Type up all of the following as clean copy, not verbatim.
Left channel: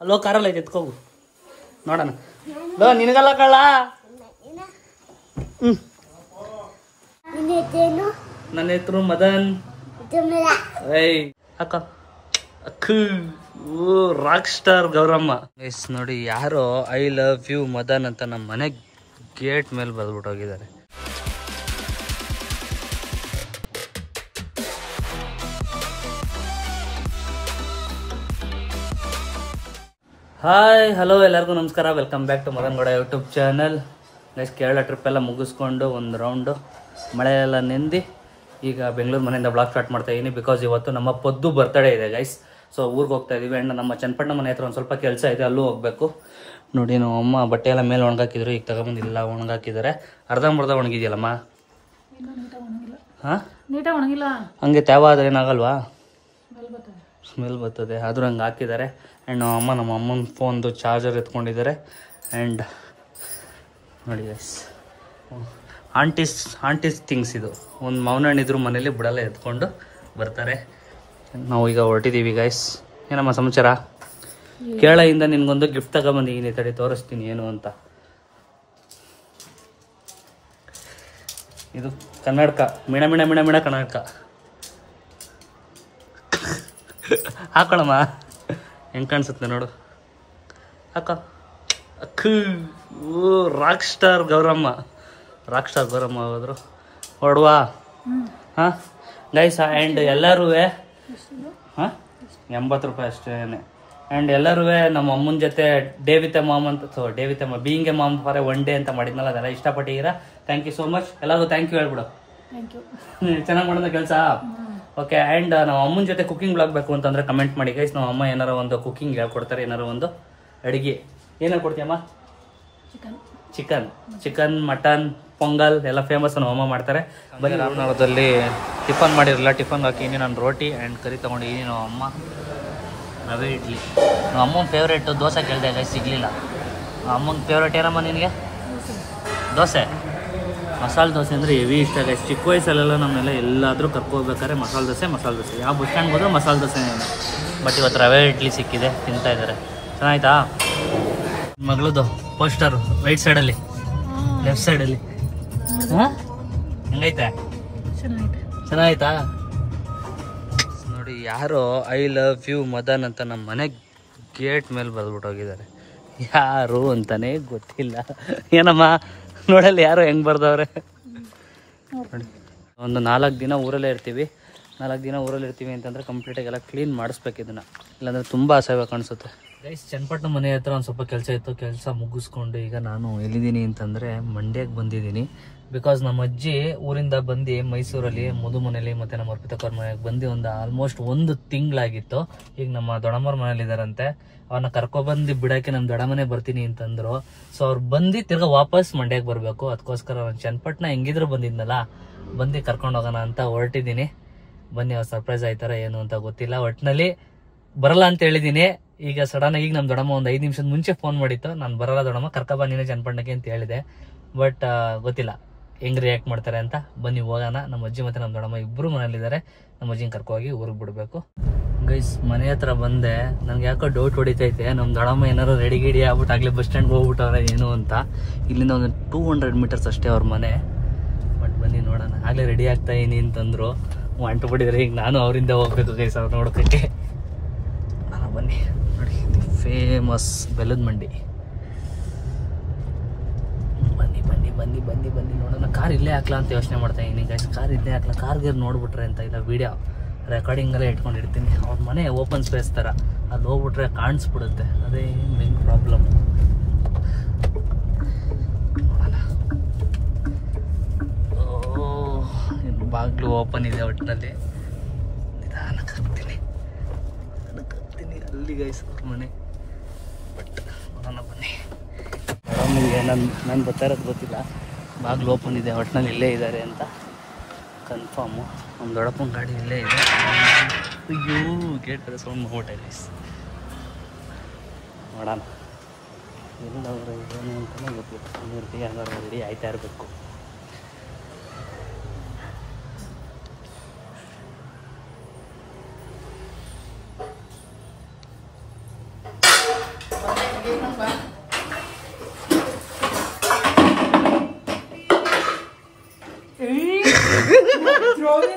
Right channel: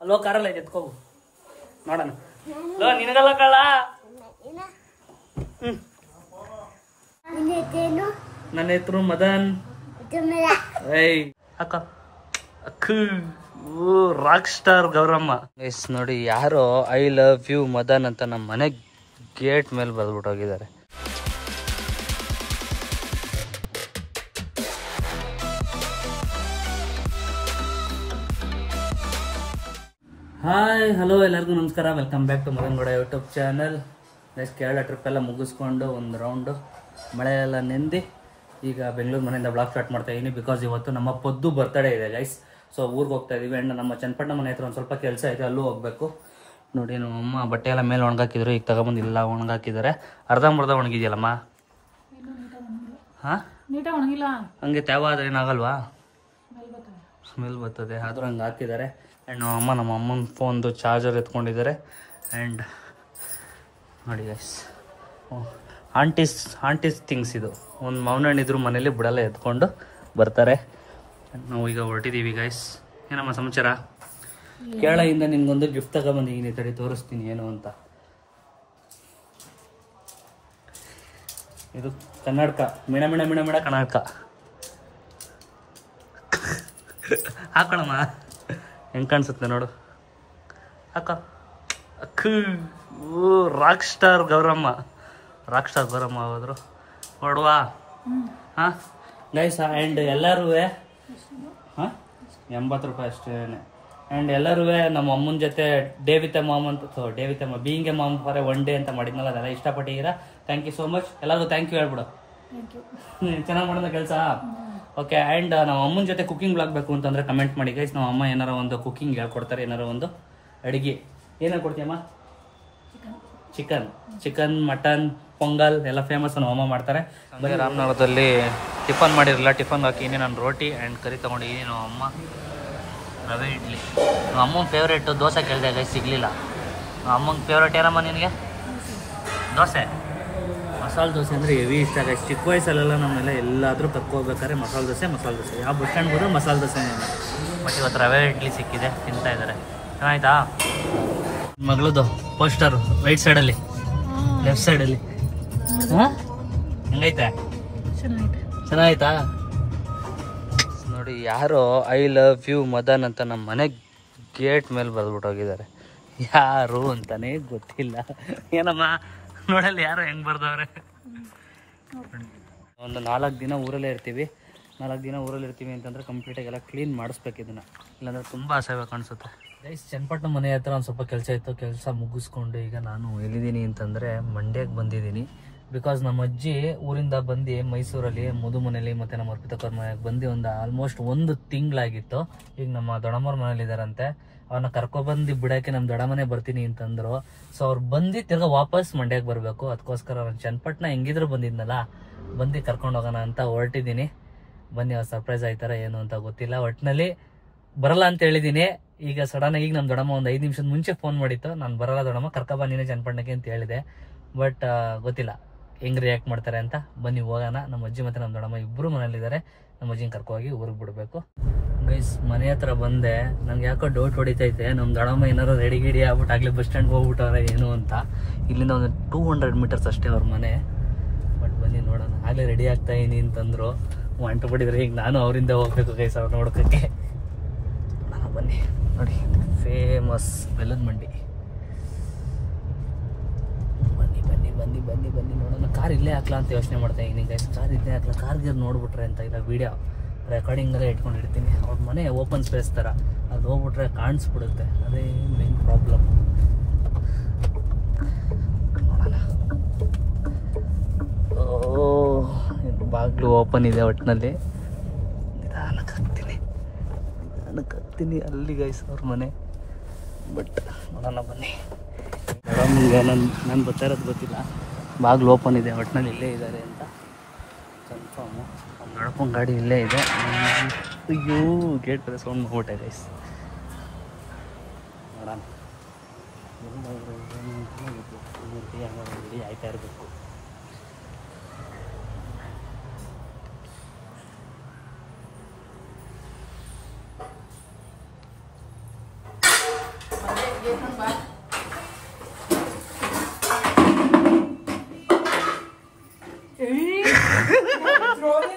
Hello ಕಾರಲ್ಲ ಐತೆ ಎತ್ಕೋಗು ನೋಡೋಣ ನಿನಗಲ್ಲ ಕಳ್ಳ ನನ್ನ ಹೆಸರು ಮದನ್ ಅಕ್ಕ ರಾಕ್ ಸ್ಟಾರ್ ಗೌರಮ್ಮ ಎಸ್ ನೋಡಿ ಯಾರೋ ಐ ಲವ್ ಯು ಮದನ್ ಅಂತ ನಮ್ಮ ಮನೆ ಗೇಟ್ ಮೇಲೆ ಬರ್ದ್ಬಿಟ್ಟು ಹೋಗಿದ್ದಾರೆ. ಹಾಯ್ ಹಲೋ ಎಲ್ಲರಿಗೂ ನಮಸ್ಕಾರ, welcome back to Madan Gowda YouTube channel. Guys Kerala trip ಎಲ್ಲ ಮುಗಿಸ್ಕೊಂಡು ಒಂದು ರೌಂಡು ಮಳೆ ಎಲ್ಲ ನೆಂದು ಈಗ ಬೆಂಗಳೂರು ಮನೆಯಿಂದ ಬ್ಲಾಗ್ ಸ್ಟಾರ್ಟ್ ಮಾಡ್ತಾ ಇದ್ದೀನಿ. ಬಿಕಾಸ್ ಇವತ್ತು ನಮ್ಮ ಪದ್ದು ಬರ್ತಡೇ ಇದೆ ಗೈಸ್. ಸೊ ಊರಿಗೆ ಹೋಗ್ತಾ ಇದೀವಿ. ಆ್ಯಂಡ್ ನಮ್ಮ ಚನ್ನಪಟ್ಟಣ ಮನೆ ಹತ್ರ ಒಂದು ಸ್ವಲ್ಪ ಕೆಲಸ ಇದೆ, ಅಲ್ಲೂ ಹೋಗಬೇಕು. ನೋಡಿ ನಾವು ಅಮ್ಮ ಬಟ್ಟೆ ಎಲ್ಲ ಮೇಲೆ ಒಣಗಾಕಿದ್ರು, ಈಗ ತಗೊಂಬಂದು ಇಲ್ಲ ಒಣಗಾಕಿದ್ದಾರೆ. ಅರ್ಧಂಬರ್ಧ ಒಣಗಿದೆಯಲ್ಲಮ್ಮ? ಹಾಂ ನೀಟಾಗಿ ಒಣಗಿಲ್ಲ, ಹಂಗೆ ತ್ಯಾವ ಆದರೆ ಏನಾಗಲ್ವಾ? ಸ್ಮೆಲ್ ಬರ್ತದೆ, ಆದರೂ ಹಂಗೆ ಹಾಕಿದ್ದಾರೆ. ಆ್ಯಂಡ್ ನಮ್ಮ ಅಮ್ಮನ ಫೋನ್ದು ಚಾರ್ಜರ್ ಎತ್ಕೊಂಡಿದ್ದಾರೆ. ಆ್ಯಂಡ್ ನೋಡಿ ಗೈಸ್ ಆಂಟೀಸ್ ಥಿಂಗ್ಸ್ ಇದು. ಒಂದು ಮೌನಣ್ಣಿದ್ರು ಮನೇಲಿ ಬಿಡಲ್ಲ, ಎತ್ಕೊಂಡು ಬರ್ತಾರೆ. ನಾವು ಈಗ ಹೊರಟಿದ್ದೀವಿ ಗೈಸ್. ಏನಮ್ಮ ಸಮಾಚಾರ? ಕೇರಳದಿಂದ ನಿನ್ಗೊಂದು ಗಿಫ್ಟ್ ತಗೊಬಂದಿದ್ದೀನಿ, ತಡಿ ತೋರಿಸ್ತೀನಿ ಏನು ಅಂತ. ಇದು ಕನ್ನಡಕ, ಮಿಣ ಮಿಣ ಮಿಣ ಮಿಣ ಕನ್ನಡಕ. ಹಾಕೊಳ್ಳಮ್ಮ, ಹೆಂಗೆ ಕಾಣಿಸುತ್ತೆ ನೋಡು. ಹಾಕ ರಾಕ್ ಸ್ಟಾರ್ ಗೌರಮ್ಮ ಹೋದ್ರು ಹೊಡುವಾ. ಹಾಂ ಗೈಸ್, ಆ್ಯಂಡ್ ಎಲ್ಲರೂ ಹಾಂ 80 ರೂಪಾಯಿ ಅಷ್ಟೇ. ಆ್ಯಂಡ್ ಎಲ್ಲರೂ ನಮ್ಮ ಅಮ್ಮನ ಜೊತೆ ಡೇ ವಿತ್ ಎ ಮಾಮ್ ಅಂತ being a mom for a one day ಅಂತ ಮಾಡಿದ್ನಲ್ಲ, ಅದೆಲ್ಲ ಇಷ್ಟಪಟ್ಟಿದ್ದೀರಾ. Thank you so much. ಎಲ್ಲರಿಗೂ ಥ್ಯಾಂಕ್ ಯು ಹೇಳ್ಬಿಡು. ಚೆನ್ನಾಗಿ ಮಾಡೋದ ಕೆಲಸ. ಓಕೆ. ಆ್ಯಂಡ್ ನಮ್ಮ ಅಮ್ಮನ ಜೊತೆ ಕುಕಿಂಗ್ ಬ್ಲಾಗ್ಬೇಕು ಅಂತಂದರೆ ಕಮೆಂಟ್ ಮಾಡಿ ಗೈಸ್. ನಮ್ಮ ಅಮ್ಮ ಏನಾರ ಒಂದು ಕುಕಿಂಗ್ ಹೇಳ್ಕೊಡ್ತಾರೆ, ಏನಾರ ಒಂದು ಅಡುಗೆ. ಏನು ಹೇಳ್ಕೊಡ್ತೀಯಮ್ಮ? ಚಿಕನ್ ಮಟನ್ ಪೊಂಗಲ್ ಎಲ್ಲ ಫೇಮಸ್ ನಮ್ಮ ಅಮ್ಮ ಮಾಡ್ತಾರೆ. ಬರೀ ರಾಮನಗರದಲ್ಲಿ ಟಿಫನ್ ಮಾಡಿರಲಿಲ್ಲ, ಟಿಫನ್ಗೆ ಹಾಕಿನಿ ನಾನು ರೋಟಿ ಆ್ಯಂಡ್ ಕರಿ ತೊಗೊಂಡಿದ್ದೀನಿ. ನಮ್ಮ ಅಮ್ಮ ರವೆ ಇಡ್ಲಿ. ನಮ್ಮ ಅಮ್ಮನ ಫೇವ್ರೇಟು ದೋಸೆ ಕೇಳಿದೆ ಗೈಸ್, ಸಿಗಲಿಲ್ಲ. ನಮ್ಮ ಅಮ್ಮನ ಫೇವ್ರೇಟ್ ಏನಮ್ಮ ನಿನಗೆ? ದೋಸೆ, ಮಸಾಲೆ ದೋಸೆ ಅಂದರೆ ಹೆವಿ ಇಷ್ಟ ಗೈಸ್. ಚಿಕ್ಕ ವಯಸ್ಸಲ್ಲೆಲ್ಲ ನಮ್ಮೆಲ್ಲ ಎಲ್ಲಾದರೂ ಕರ್ಕೋಬೇಕಾದ್ರೆ ಮಸಾಲೆ ದೋಸೆ. ಯಾವ ಬಸ್ ಸ್ಟ್ಯಾಂಡ್ಗೆ ಹೋದ್ರೂ ಮಸಾಲೆ ದೋಸೆನೇ. ಬಟ್ ಇವತ್ತು ರವೆ ಇಡ್ಲಿ ಸಿಕ್ಕಿದೆ, ತಿಂತಾ ಇದ್ದಾರೆ. ಚೆನ್ನಾಯ್ತಾ? ಮಗಳದು ಪೋಸ್ಟರು ರೈಟ್ ಸೈಡಲ್ಲಿ, ಲೆಫ್ಟ್ ಸೈಡಲ್ಲಿ. ಹಾಂ ಹೆಂಗೈತೆ? ಚೆನ್ನಾಯ್ತಾ? ನೋಡಿ ಯಾರೋ ಐ ಲವ್ ಯು ಮದನ್ ಅಂತ ನಮ್ಮ ಮನೆ ಗೇಟ್ ಮೇಲೆ ಬರ್ದ್ಬಿಟ್ಟು ಹೋಗಿದ್ದಾರೆ. ಯಾರು ಅಂತಾನೆ ಗೊತ್ತಿಲ್ಲ. ಏನಮ್ಮ ನೋಡಲ್ಲಿ ಯಾರೋ ಹೆಂಗೆ ಬರ್ದವ್ರೆ. ಒಂದು 4 ದಿನ ಊರಲ್ಲೇ ಇರ್ತೀವಿ. 4 ದಿನ ಊರಲ್ಲಿ ಇರ್ತೀವಿ ಅಂತಂದರೆ ಕಂಪ್ಲೀಟಾಗೆಲ್ಲ ಕ್ಲೀನ್ ಮಾಡಿಸ್ಬೇಕು ಇದನ್ನು, ಇಲ್ಲಾಂದರೆ ತುಂಬ ಅಸಹ್ಯ ಕಾಣಿಸುತ್ತೆ ಗೈಸ್. ಚನ್ನಪಟ್ಟಣ ಮನೆ ಹತ್ರ ಒಂದು ಸ್ವಲ್ಪ ಕೆಲಸ ಇತ್ತು, ಕೆಲಸ ಮುಗಿಸ್ಕೊಂಡು ಈಗ ನಾನು ಎಲ್ಲಿದ್ದೀನಿ ಅಂತಂದರೆ ಮಂಡ್ಯಕ್ಕೆ ಬಂದಿದ್ದೀನಿ. ಬಿಕಾಸ್ ನಮ್ಮ ಅಜ್ಜಿ ಊರಿಂದ ಬಂದು ಮೈಸೂರಲ್ಲಿ ಮಧು ಮನೇಲಿ ಮತ್ತು ನಮ್ಮ ಅರ್ಪಿತಕ್ಕವ್ರ ಮನೆಗೆ ಬಂದು ಒಂದು ಆಲ್ಮೋಸ್ಟ್ 1 ತಿಂಗಳಾಗಿತ್ತು. ಈಗ ನಮ್ಮ ದೊಡ್ಡಮ್ಮವ್ರ ಮನೇಲಿದ್ದಾರಂತೆ. ಅವ್ರನ್ನ ಕರ್ಕೊಬಂದು ಬಿಡೋಕ್ಕೆ ನಮ್ಮ ದೊಡ್ಡಮ್ಮನೇ ಬರ್ತೀನಿ ಅಂತಂದರು. ಸೊ ಅವ್ರು ಬಂದು ತಿರ್ಗಾ ವಾಪಸ್ ಮಂಡ್ಯಕ್ಕೆ ಬರಬೇಕು. ಅದಕ್ಕೋಸ್ಕರ ಅವ್ರು ಚನ್ನಪಟ್ಟಣ ಹೆಂಗಿದ್ರು ಬಂದಿದ್ನಲ್ಲ, ಬಂದು ಕರ್ಕೊಂಡು ಹೋಗೋಣ ಅಂತ ಹೊರಟಿದ್ದೀನಿ. ಬನ್ನಿ, ಅವ್ರು ಸರ್ಪ್ರೈಸ್ ಆಯ್ತಾರ ಏನು ಅಂತ ಗೊತ್ತಿಲ್ಲ. ಒಟ್ಟಿನಲ್ಲಿ ಬರಲ್ಲ ಅಂತ ಹೇಳಿದ್ದೀನಿ. ಈಗ ಸಡನ್ನಾಗಿ ಈಗ ನಮ್ಮ ದೊಡ್ಡಮ್ಮ ಒಂದು 5 ನಿಮಿಷದ ಮುಂಚೆ ಫೋನ್ ಮಾಡಿತ್ತು, ನಾನು ಬರಲ್ಲ ದೊಡ್ಡಮ್ಮ, ಕರ್ಕೊಬ ನೀನೇ ಚನ್ನಪಟ್ಟಣಕ್ಕೆ ಅಂತ ಹೇಳಿದೆ. ಬಟ್ ಗೊತ್ತಿಲ್ಲ ಹೆಂಗೆ ರಿಯಾಕ್ಟ್ ಮಾಡ್ತಾರೆ ಅಂತ. ಬನ್ನಿ ಹೋಗೋಣ. ನಮ್ಮ ಅಜ್ಜಿ ಮತ್ತು ನಮ್ಮ ದೊಡ್ಡಮ್ಮ ಇಬ್ಬರು ಮನೇಲಿದ್ದಾರೆ. ನಮ್ಮ ಅಜ್ಜಿನ ಕರ್ಕೋಗಿ ಊರಿಗೆ ಬಿಡಬೇಕು ಗೈಸ್. ಮನೆ ಹತ್ರ ಬಂದೆ, ನನಗೆ ಯಾಕೋ ಡೌಟ್ ಹೊಡಿತೈತೆ, ನಮ್ಮ ದೊಡ್ಡಮ್ಮ ಏನಾರು ರೆಡಿ ಗಿಡಿ ಆಗ್ಬಿಟ್ಟು ಆಗಲೇ ಬಸ್ ಸ್ಟ್ಯಾಂಡ್ಗೆ ಹೋಗ್ಬಿಟ್ಟವ್ರೆ ಏನು ಅಂತ. ಇಲ್ಲಿಂದ ಒಂದು 200 ಮೀಟರ್ಸ್ ಅಷ್ಟೇ ಅವ್ರ ಮನೆ. ಬಟ್ ಬನ್ನಿ ನೋಡೋಣ. ಆಗಲೇ ರೆಡಿ ಆಗ್ತಾ ಇದೀನಿ ಅಂತಂದರು. ಅಂಟು ಬಿಟ್ಟಿದ್ರೆ ಈಗ ನಾನು ಅವರಿಂದ ಹೋಗ್ಬೇಕು ಗೈಸ್ ಅವ್ರು ನೋಡೋಕ್ಕೆ. ಬನ್ನಿ ನೋಡಿ, ಫೇಮಸ್ ಬೆಲ್ಲದ ಮಂಡಿ. ಬನ್ನಿ ನೋಡೋಣ. ಕಾರ್ ಇಲ್ಲೇ ಹಾಕ್ಲಾ ಅಂತ ಯೋಚನೆ ಮಾಡ್ತಾ ಇದ್ದೀನಿ ಗೈಸ್. ಕಾರ್ ಇಲ್ಲೇ ಹಾಕ್ಲಾ, ಕಾರ್ಗೆ ನೋಡ್ಬಿಟ್ರೆ ಅಂತ ಇಲ್ಲ, ವೀಡಿಯೋ ರೆಕಾರ್ಡಿಂಗಲ್ಲೇ ಇಟ್ಕೊಂಡಿರ್ತೀನಿ. ಅವ್ರ ಮನೆ ಓಪನ್ ಸ್ಪೇಸ್ ಥರ, ಅಲ್ಲಿ ಹೋಗ್ಬಿಟ್ರೆ ಕಾಣಿಸ್ಬಿಡುತ್ತೆ. ಅದೇ ಮೇನ್ ಪ್ರಾಬ್ಲಮ್. ಬಾಗಿಲು ಓಪನ್ ಇದೆ. ಒಟ್ಟಿನಲ್ಲಿ ನಿಧಾನಕ್ಕೆ ಹತ್ತೀನಿ ಅಲ್ಲಿ ಗೈಸ್ ಅವ್ರ ಮನೆ. ಬಟ್ ನೋಡೋಣ ಬನ್ನಿ. ದೊಡ್ಡಮ್ಮಂಗೆ ನಾನು ಬರ್ತಾ ಇರೋದು ಗೊತ್ತಿಲ್ಲ. ಬಾಗಿಲು ಓಪನ್ ಇದೆ, ಒಟ್ಟಿನಲ್ಲಿ ಇಲ್ಲೇ ಇದ್ದಾರೆ ಅಂತ ಕನ್ಫರ್ಮು. ನಮ್ಮ ದೊಡ್ಡಪ್ಪನ ಗಾಡಿ ಇಲ್ಲೇ ಇದೆ. ಅಯ್ಯೋ ಗೇಟ್ ಕಡೆ ಸೌಂಡ್ ಮಾಡ್ಬಿಟ್ಟೆ ಗೈಸ್. ನೋಡೋಣ ಎಲ್ಲಾದರೂ ಏನು ಅಂತಲೇ ಗೊತ್ತಿಲ್ಲ. ಹಾಗಾದ್ರೆ ರೆಡಿ ಆಯ್ತಾ ಇರಬೇಕು. ನೋಡಿ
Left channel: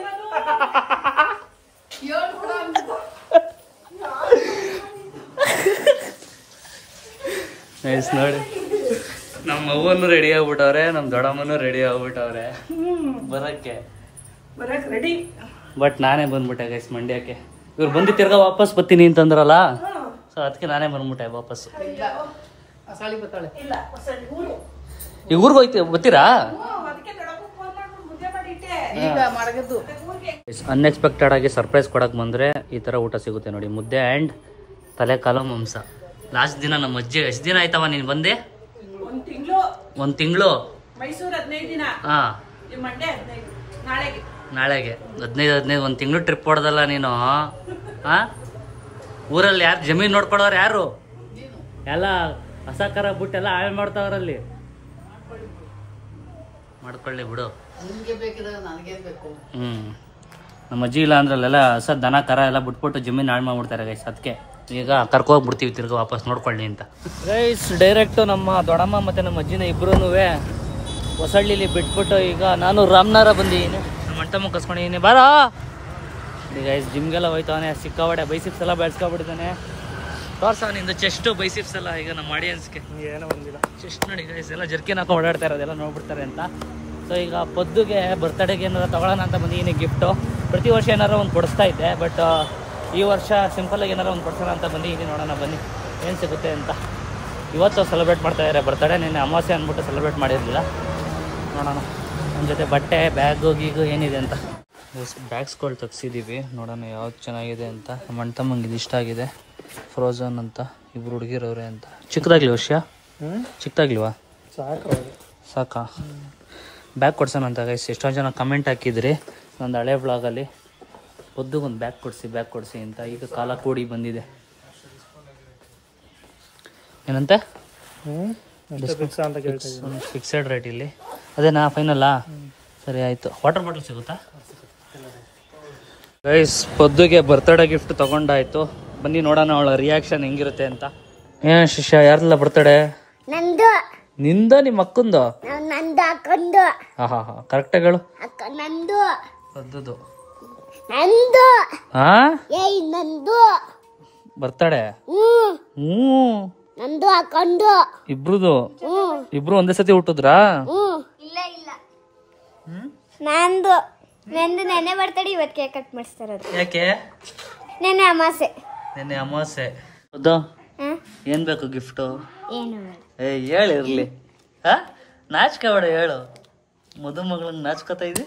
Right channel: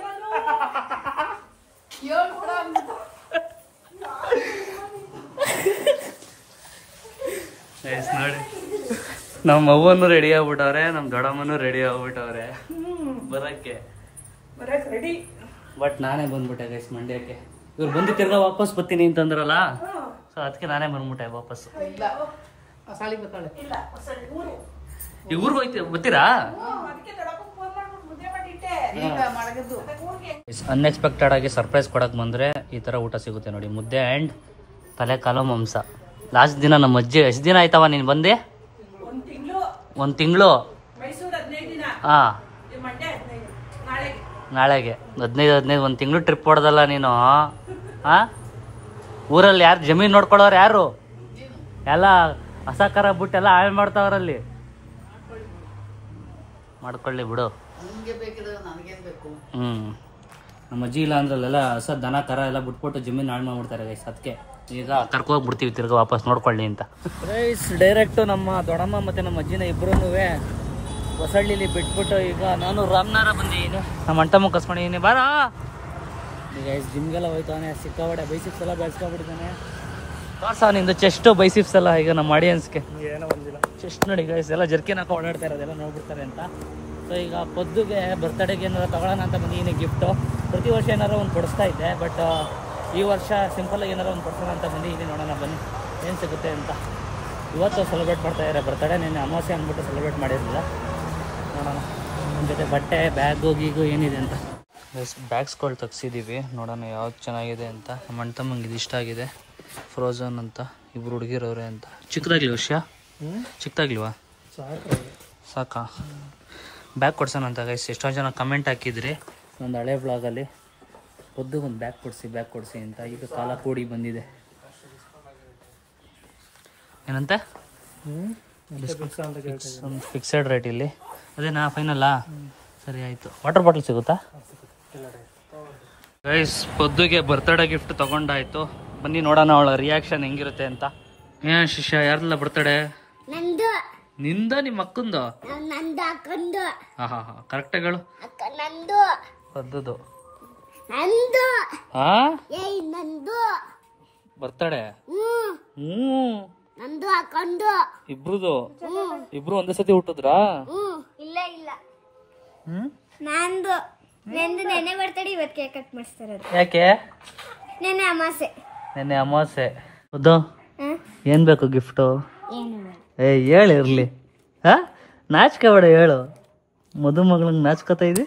ನಮ್ಮ ಅವ್ವನು ರೆಡಿ ಆಗ್ಬಿಟ್ಟವ್ರೆ, ನಮ್ಮ ದೊಡ್ಡಮ್ಮನು ರೆಡಿ ಆಗ್ಬಿಟ್ಟವ್ರೆ ಬರಕ್ಕೆ ರೆಡಿ. ಬಟ್ ನಾನೇ ಬಂದ್ಬಿಟ್ಟೆ ಗೈಸ್ ಮಂಡ್ಯಕ್ಕೆ. ಇವ್ರು ಬಂದು ತಿರ್ಗಾ ವಾಪಸ್ ಬರ್ತೀನಿ ಅಂತಂದ್ರಲ್ಲ, ಸೊ ಅದಕ್ಕೆ ನಾನೇ ಬಂದ್ಬಿಟ್ಟೆ ವಾಪಸ್. ಈಗ ಊರಿಗೆ ಹೋಯ್ತು ಬರ್ತೀರಾ? ಅನ್ಎಕ್ಸ್ಪೆಕ್ಟೆಡ್ ಆಗಿ ಸರ್ಪ್ರೈಸ್ ಕೊಡಕ್ ಬಂದ್ರೆ ಈ ತರ ಊಟ ಸಿಗುತ್ತೆ ನೋಡಿ. ಮುದ್ದೆ ಅಂಡ್ ತಲೆಕಾಲ ಮಾಂಸ. ಲಾಸ್ಟ್ ದಿನ ನಮ್ಮ ಅಜ್ಜಿ, ಎಷ್ಟು ದಿನ ಆಯ್ತವ ನೀನ್ ಬಂದೆ? 1 ತಿಂಗಳು. ಹಾ, ನಾಳೆಗೆ 15 1 ತಿಂಗಳು ಟ್ರಿಪ್ ಹೊಡೆದಲ್ಲ ನೀನು. ಹಾ, ಊರಲ್ಲಿ ಯಾರು ಜಮೀನ್ ನೋಡ್ಕೊಳ್ಳೋರು ಯಾರು? ಎಲ್ಲ ಅಸಹಕಾರ ಬಿಟ್ಟು ಎಲ್ಲ ಹಾಳು ಮಾಡ್ತಾವ್ರಲ್ಲಿ. ಮಾಡ್ಕೊಳ್ಳಿ ಬಿಡು. ನಮ್ಮ ಅಜ್ಜಿ ಇಲ್ಲ ಅಂದ್ರಲ್ಲೆಲ್ಲ ಹೊಸ ದನ ಕರ ಎಲ್ಲ ಬಿಟ್ಬಿಟ್ಟು ಜಮೀನು ಹಾಳು ಮಾಡ್ಬಿಡ್ತಾರೆ ಗೈಸ್. ಅದಕ್ಕೆ ಈಗ ಕರ್ಕೋಗ್ಬಿಡ್ತೀವಿ ತಿರ್ಗಾ ವಾಪಸ್ ನೋಡ್ಕೊಳ್ಳಿ ಅಂತ ಗೈಸ್. ಡೈರೆಕ್ಟು ನಮ್ಮ ದೊಡ್ಡಮ್ಮ ಮತ್ತು ನಮ್ಮ ಅಜ್ಜಿನ ಇಬ್ಬರೂ ಹೊಸಳ್ಳಿಲಿ ಬಿಟ್ಬಿಟ್ಟು ಈಗ ನಾನು ರಾಮನಗರ ಬಂದಿದ್ದೀನಿ. ನಮ್ಮ ಅಂಟಮ್ಮ ಕರ್ಸ್ಕೊಂಡಿದ್ದೀನಿ. ಬಾರೋ ಈಗ ಗೈಸ್ ಜಿಮ್ಗೆಲ್ಲ ಹೋಯ್ತವನೆ. ಸಿಕ್ಕಾಬಡೆ ಬೈಸಿಪ್ಸ್ ಎಲ್ಲ ಬೆಳೆಸ್ಕೊಬಿಟ್ಟಿದ್ದಾನೆ. ತೋರ್ಸ ನಿಂದು ಚೆಸ್ಟ್ ಬೈಸಿಪ್ಸ್ ಎಲ್ಲ ಈಗ ನಮ್ಮ ಆಡಿಯನ್ಸ್ಗೆ ಏನೋ ಬಂದಿಲ್ಲ. ಚೆಸ್ಟ್ ನೋಡಿ ಗೈಸ್, ಎಲ್ಲ ಜರ್ಕಿನ್ ಹಾಕೊಂಡು ಓಡಾಡ್ತಾ ಇರೋದೆಲ್ಲ ನೋಡ್ಬಿಡ್ತಾರೆ ಅಂತ. ಸೊ ಈಗ ಪದ್ದುಗೆ ಬರ್ತಡೇಗೆ ಏನಾರು ತಗೊಳ್ಳೋಣ ಅಂತ ಬಂದಿದ್ದೀನಿ ಗಿಫ್ಟು. ಪ್ರತಿ ವರ್ಷ ಏನಾರು ಒಂದು ಕೊಡಿಸ್ತಾ ಇದ್ದೆ, ಬಟ್ ಈ ವರ್ಷ ಸಿಂಪಲಾಗಿ ಏನಾರು ಒಂದು ಕೊಡ್ಸೋಣ ಅಂತ ಬಂದಿದ್ದೀನಿ. ನೋಡೋಣ ಬನ್ನಿ ಏನು ಸಿಗುತ್ತೆ ಅಂತ. ಇವತ್ತು ಸೆಲೆಬ್ರೇಟ್ ಮಾಡ್ತಾ ಇದ್ದಾರೆ ಬರ್ತಡೇ. ನಿನ್ನೆ ಅಮಾವಾಸ್ಯೆ ಅಂದ್ಬಿಟ್ಟು ಸೆಲೆಬ್ರೇಟ್ ಮಾಡಿರಲಿಲ್ಲ. ನೋಡೋಣ ಒಂದು ಜೊತೆ ಬಟ್ಟೆ ಬ್ಯಾಗು ಗೀಗು ಏನಿದೆ ಅಂತ. ಬ್ಯಾಗ್ಸ್ಗಳು ತೆಗ್ಸಿದ್ದೀವಿ, ನೋಡೋಣ ಯಾವ್ದು ಚೆನ್ನಾಗಿದೆ ಅಂತ. ನಮ್ಮ ಅಣ್ಣ ತಮ್ಮಂಗೆ ಇದು ಇಷ್ಟ ಆಗಿದೆ, ಫ್ರೋಝನ್ ಅಂತ. ಇಬ್ರು ಹುಡುಗಿರವ್ರೆ ಅಂತ. ಚಿಕ್ಕದಾಗ್ಲಿ ವಿಷಯ, ಚಿಕ್ಕದಾಗ್ಲಿವಾ? ಸಾಕಾ? ಬ್ಯಾಗ್ ಕೊಡ್ಸೋಣ ಅಂತ ಗೈಸ್. ಎಷ್ಟೊಂದು ಜನ ಕಮೆಂಟ್ ಹಾಕಿದ್ರಿ ಒಂದು ಹಳೆ ಬ್ಲಾಗಲ್ಲಿ, ಒಂದು ಬ್ಯಾಗ್ ಕೊಡಿಸಿ ಅಂತ. ಈಗ ಕಾಲ ಕೂಡಿ ಬಂದಿದೆ. ಏನಂತೆ? ಫಿಕ್ಸೆಡ್ ರೇಟ್ ಇಲ್ಲಿ ಅದೇನಾ ಫೈನಲ್ಲಾ? ಸರಿ ಆಯಿತು. ವಾಟರ್ ಬಾಟಲ್ ಸಿಗುತ್ತಾ ಗೈಸ್? ಪದ್ದುಗೆ ಬರ್ತಡೇ ಗಿಫ್ಟ್ ತಗೊಂಡಾಯ್ತು. ಬನ್ನಿ ನೋಡೋಣ ಅವಳ ರಿಯಾಕ್ಷನ್ ಹೆಂಗಿರುತ್ತೆ ಅಂತ. ಏನ್ ಶಿಷ್ಯ, ಯಾರ್ದಲ್ಲ ಬರ್ತಡೇ? ನಂದು. ನಿಂದ? ನಿಮ್ಮ ಅಕ್ಕಂದು? ನಂದು ಅಕ್ಕಂದು. ಹಾ ಕರೆಕ್ಟಾಗಿ ಹೇಳು. ನಂದು. ಪದ್ದುದು ನಂದು. ಹಾ ಏಯ್ ನಂದು ಬರ್ತಡೇ? ನಂದು ಅಕ್ಕಂದು ಇಬ್ರುದು. ಇಬ್ರು ಒಂದೇ ಸತಿ ಹುಟ್ಟಿದ್ರಾ? ಇಲ್ಲ ಇಲ್ಲ, ನಂದು ನೆನ್ನೆ ಬರ್ತಡೇ, ಇವತ್ತು ಕೇಕ್ ಕಟ್ ಮಾಡಿಸ್ತಾರದು. ಯಾಕೆ? ನೆನ್ನೆ ಅಮಾಸೆ. ನೆನ್ನೆ ಅಮಾವಾಸ್ಯೆ. ಹೌದು. ಏನ್ ಬೇಕು ಗಿಫ್ಟು? ಏನು ಹೇಳಿರ್ಲಿ. ಹಾ, ನಾಚಿಕೆ ಬೇಡ, ಹೇಳು. ಮದುಮಗಳಿಗೆ ನಾಚ್ಕೋತಾ ಇದೆ.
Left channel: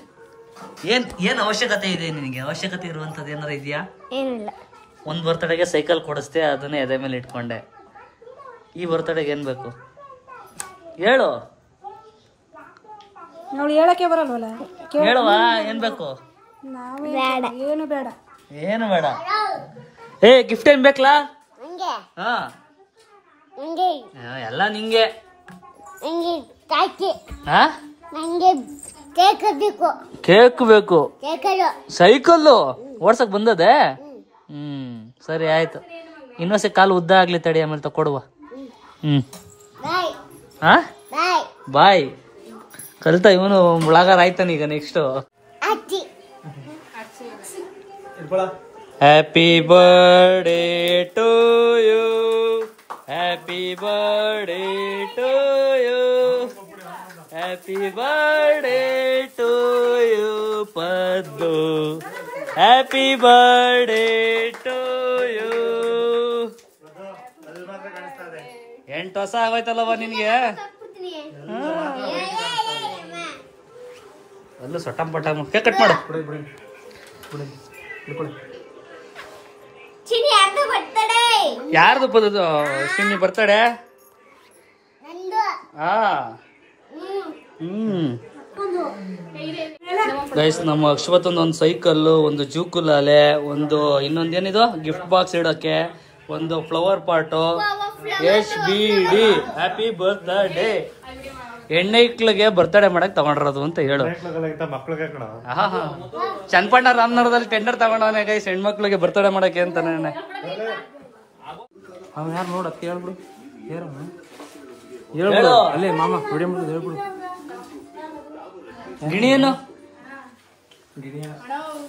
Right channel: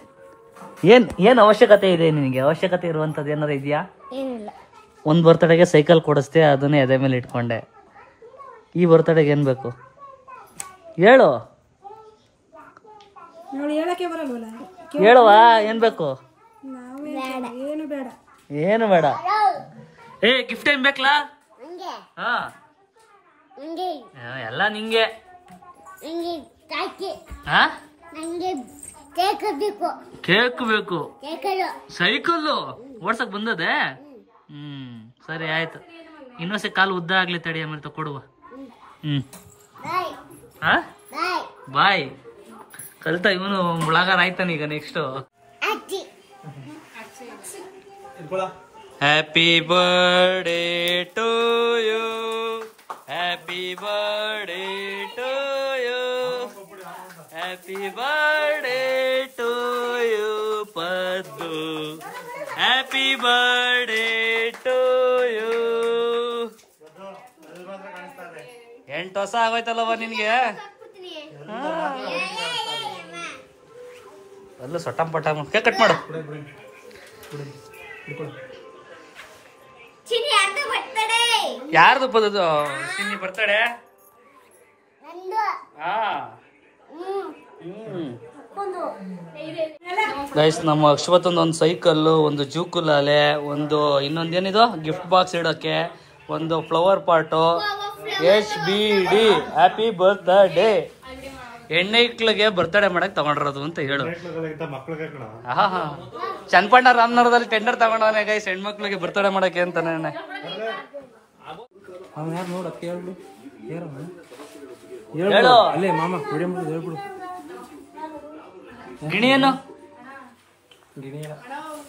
ಏನ್ ಅವಶ್ಯಕತೆ ಇದೆ ನಿನ್ಗೆ? ಅವಶ್ಯಕತೆ ಇರುವಂತದ್ದು ಏನಾರ ಇದೆಯಾ? ಏನಿಲ್ಲ. ಒಂದ್ ಬರ್ತಡೆಗೆ ಸೈಕಲ್ ಕೊಡಿಸ್ತೆ, ಅದನ್ನೇ ಎದೆ ಮೇಲೆ ಇಟ್ಕೊಂಡೆ. ಈ ಬರ್ತಡೆಗೆ ಏನ್ ಬೇಕು ಹೇಳು? ಹೇಳಕ್ಕೆ ಬರಲ್ವಲ್ಲ. ಹೇಳುವ, ಏನ್ ಬೇಕು? ಬೇಡ. ಏನು ಬೇಡ. ಗಿಫ್ಟ್ ಏನ್ ಬೇಕಲ್ಲ? ಹಾ, ಎಲ್ಲ ನಿಂಗೆ. ಹಾ, ನಂಗೆ ಕೇಕ್ ಬೇಕು. ಸೈಕಲ್ಲು ಓಡ್ಸಕ್ ಬಂದದೆ? ಸರಿ ಆಯ್ತು. ಇನ್ನೊಂದ್ಸರಿ ಕಾಲು ಉದ್ದ ಆಗ್ಲಿ ತಡಿ, ಆಮೇಲೆ ತಕೊಡುವ. ಹಾ, ಬಾಯ್. ಕಲಿತ ಇವನು ಬ್ಲಾಗರ್ ಆಯ್ತಾನ ಈಗ. Next happy birthday to you, happy birthday to you, happy birthday to you Paddu, happy birthday to you. 8 ವರ್ಷ ಆಗೋಯ್ತಲ್ಲವ ನಿನ್ಗೆ? ಅಲ್ಲೂ ಸೊಟ್ಟಂ ಪಟ್ಟಂ. ಕೇಕ್ ಕಟ್ ಮಾಡು. ಯಾರ್ದು ಪದದು? ಚಿನ್ನಿ ಬರ್ತಡೇ? ಗೈಸ್, ನಮ್ಮ ಅಕ್ಷವತ್ತೊಂದು ಒಂದು ಸೈಕಲ್ಲು, ಒಂದು ಜೂಕುಲಾಲೆ, ಒಂದು ಇನ್ನೊಂದೇನಿದು ಗಿಫ್ಟ್ ಬಾಕ್ಸ್ ಇಡೋಕೆ, ಒಂದು ಫ್ಲವರ್ ಪಾಟು, HBD ಹ್ಯಾಪಿ ಬರ್ತ್ಡೇ. ಹೆಣ್ಣೈಕ್ಳಿಗೆ ಬರ್ತಡೇ ಮಾಡಕ್ ತಗೊಂಡಿರೋದು ಅಂತ ಹೇಳು. ಚನ್ನಪಣ್ಣ ರಾಮನಗರದಲ್ಲಿ ಟೆಂಡರ್ ತಗೊಂಡವನೇ ಗೈಸ್, ಹೆಣ್ಮಕ್ಳಿಗೆ ಬರ್ತಡೇ ಮಾಡಕ್ಕೆ ಅಂತಾನೆ. ಅವ್ ಯಾರು ನೋಡಕ್ ಹೇಳ್ಬಿಡು. ಹೇಳು ಅಲ್ಲೇ ಮಾಮ ವಿಡಿಯೋ ಮಾಡೋದು ಹೇಳ್ಬಿಡು. ಗಿಣಿ ಏನು?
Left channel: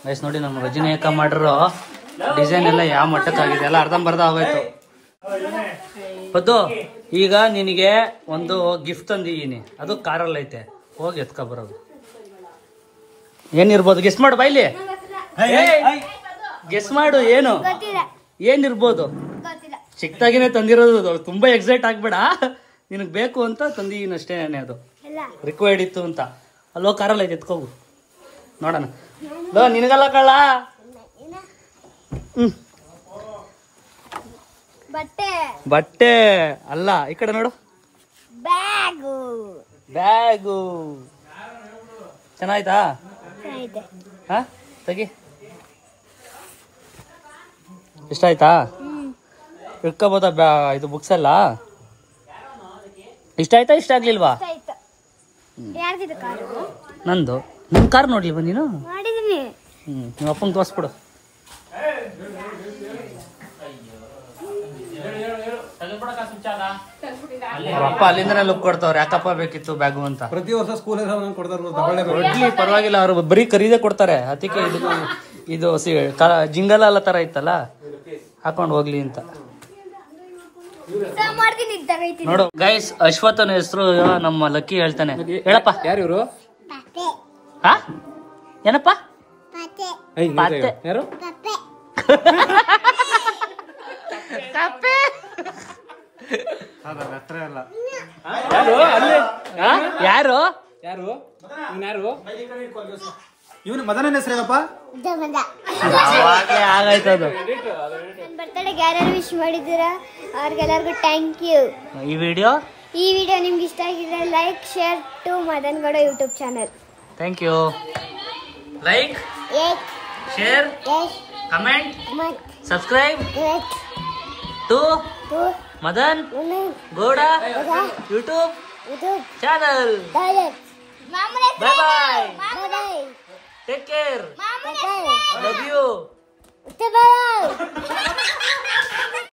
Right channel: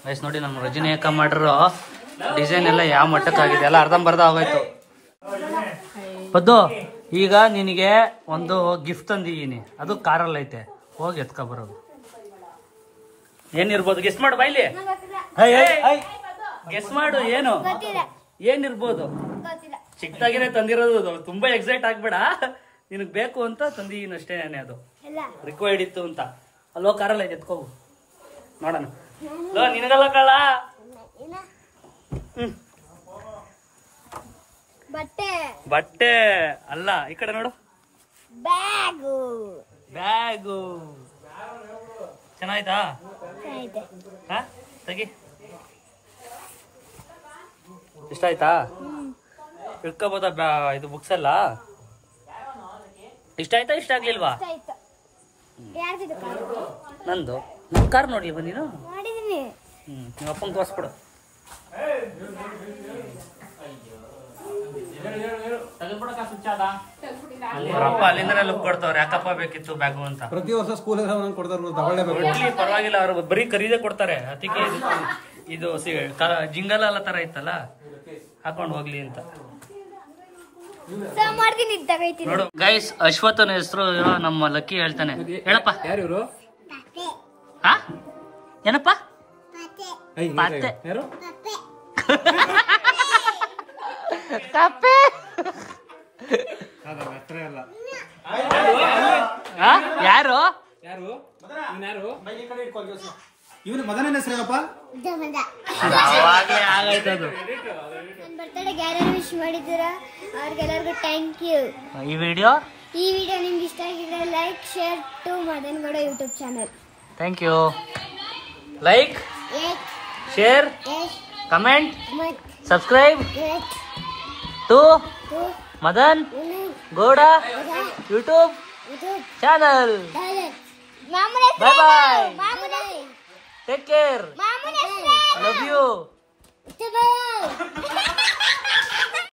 ಗೈಸ್ ನೋಡಿ ನಮ್ಮ ರಜನಿ ಅಕ್ಕ ಮಾಡಿರೋ ಡಿಸೈನ್ ಎಲ್ಲ ಯಾವ ಮಟ್ಟಕ್ಕಾಗಿದೆ, ಎಲ್ಲ ಅರ್ಧಂಬರ್ಧ ಆಗೋಯ್ತು. ಪದ್ದು ಈಗ ನಿನಗೆ ಒಂದು ಗಿಫ್ಟ್ ತಂದಿದ್ದೀನಿ, ಅದು ಕಾರಲ್ಲಿ ಐತೆ, ಹೋಗಿ ಎತ್ಕೊ ಬರೋದು. ಏನಿರ್ಬೋದು ಗೆಸ್ ಮಾಡು ಬಾಯ್ಲಿ, ಗೆಸ್ ಮಾಡು. ಏನು ಏನಿರ್ಬೋದು? ಚಿಕ್ಕದಾಗಿನೇ ತಂದಿರೋದು, ತುಂಬಾ ಎಕ್ಸೈಟ್ ಆಗ್ಬೇಡ. ನಿನಗ್ ಬೇಕು ಅಂತ ತಂದಿದ್ದೀನಿ ಅಷ್ಟೇ, ಅದು ರಿಕ್ವೈರ್ಡ್ ಇತ್ತು ಅಂತ. ಅಲ್ಲೋ ಕಾರಲ್ಲಿ ಐತೆ, ಎತ್ಕೋಬು ನೋಡೋಣ. ನಿನಗಲ್ಲ ಕಳ್ಳ. ಬಟ್ಟೆ ಅಲ್ಲ, ಈ ಕಡೆ ನೋಡು. ಬ್ಯಾಗು ಚೆನ್ನಾಯ್ತಾ? ಹಾ ತೆಗಿ. ಇಷ್ಟ ಆಯ್ತಾ? ಇಟ್ಕೋಬೋದಾ ಇದು ಬುಕ್ಸ್ ಎಲ್ಲ? ಇಷ್ಟ ಆಯ್ತಾ ಇಷ್ಟ ಆಗ್ಲಿಲ್ವಾ? ನಂದು ನನ್ ಕಾರ್ ನೋಡ್ಲಿಲ್ವಾ ನೀನು? ನಿಮ್ಮ ಅಪ್ಪಂಗೆ ತೋರಿಸ್ಬಿಡು. ಅಪ್ಪ ಅಲ್ಲಿಂದನೇ ಲುಕ್ ಕೊಡ್ತಾವ್ರೆ, ಯಾಕಪ್ಪ ಬೇಕಿತ್ತು ಬ್ಯಾಗು ಅಂತ. ಪ್ರತಿ ವರ್ಷ ಸ್ಕೂಲ್ ಕೊಡ್ತಾರೆ, ಪರವಾಗಿಲ್ಲ, ಅವರು ಬರೀ ಖರೀದೇ ಕೊಡ್ತಾರೆ. ಅದಕ್ಕೆ ಇದು ಜಿಂಗಲ್ ಎಲ್ಲ ತರ ಇತ್ತಲ್ಲ, ಹಾಕೊಂಡು ಹೋಗ್ಲಿ ಅಂತ. ನೋಡು ಗೈಸ್, ಅಶ್ವಥನ ಹೆಸರು ನಮ್ಮ ಲಕ್ಕಿ ಹೇಳ್ತಾನೆ. ಹೇಳಪ್ಪ. ಯಾರು ಇವರು? ಹಾ ಏನಪ್ಪ? ಯಾರು? ಕಪ್ಪೆ. ಯಾರು ಯಾರು ಇವನು ಮದನ ಹೆಸರೇನಪ್ಪ? ನನ್ನ ಬರ್ತಡೆಗೆ ಯಾರ್ಯಾರು ವಿಶ್ ಮಾಡಿದ್ದೀರಾ ಅವ್ರಿಗೆಲ್ಲರಿಗೂ ಥ್ಯಾಂಕ್ ಯು. ಈ ವಿಡಿಯೋ ನಿಮ್ಗೆ ಇಷ್ಟ ಆಗಿದ್ರೆ like share to Madan Gowda YouTube channel. Thank you. Like share comment subscribe to Madan Gowda YouTube channel. Bye bye. Take care. Love you.